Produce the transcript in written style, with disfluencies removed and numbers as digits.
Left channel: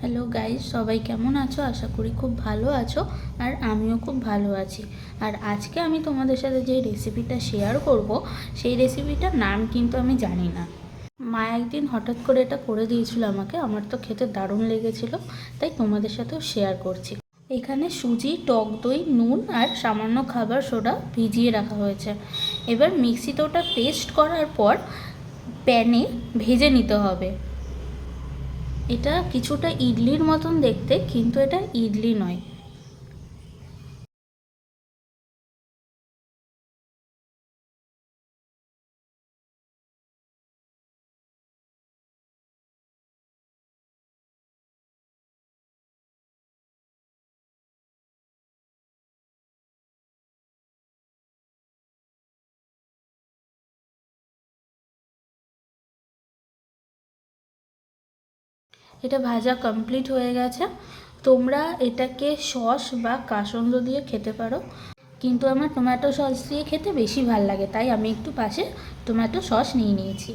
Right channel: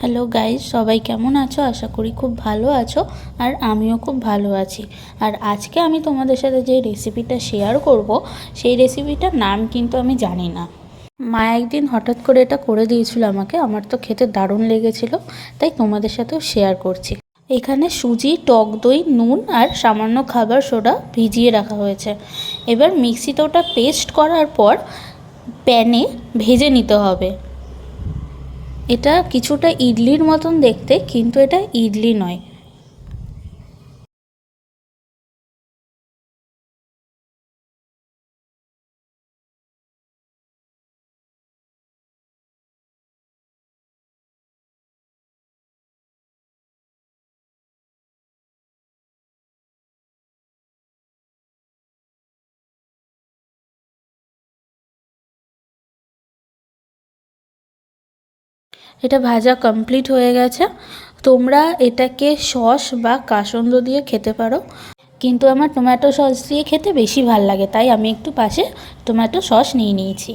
Hello guys, সবাই কেমন আছো? আশা করি খুব ভালো আছো। আর আমিও খুব ভালো আছি। আর আজকে আমি তোমাদের সাথে যে রেসিপিটা শেয়ার করব, সেই রেসিপিটার নাম কিন্তু আমি জানি না। মা একদিন হঠাৎ করে এটা করে দিয়েছিল আমাকে, আমার তো খেতে দারুণ লেগেছিল, তাই তোমাদের সাথেও শেয়ার করছি। এখানে সুজি, টক দই, নুন আর সামান্য খাবার সোডা ভিজিয়ে রাখা হয়েছে। এবার মিক্সিতে ওটা পেস্ট করার পর প্যানে ভেজে নিতে হবে। এটা কিছুটা ইডলির মতন দেখতে, কিন্তু এটা ইডলি নয়। এটা ভাজা কমপ্লিট হয়ে গেছে। তোমরা এটাকে সস বা কাসন্দ দিয়ে খেতে পারো, কিন্তু আমার টমেটো সস দিয়ে খেতে বেশি ভাল লাগে, তাই আমি একটু পাশে টমেটো সস নিয়ে নিয়েছি।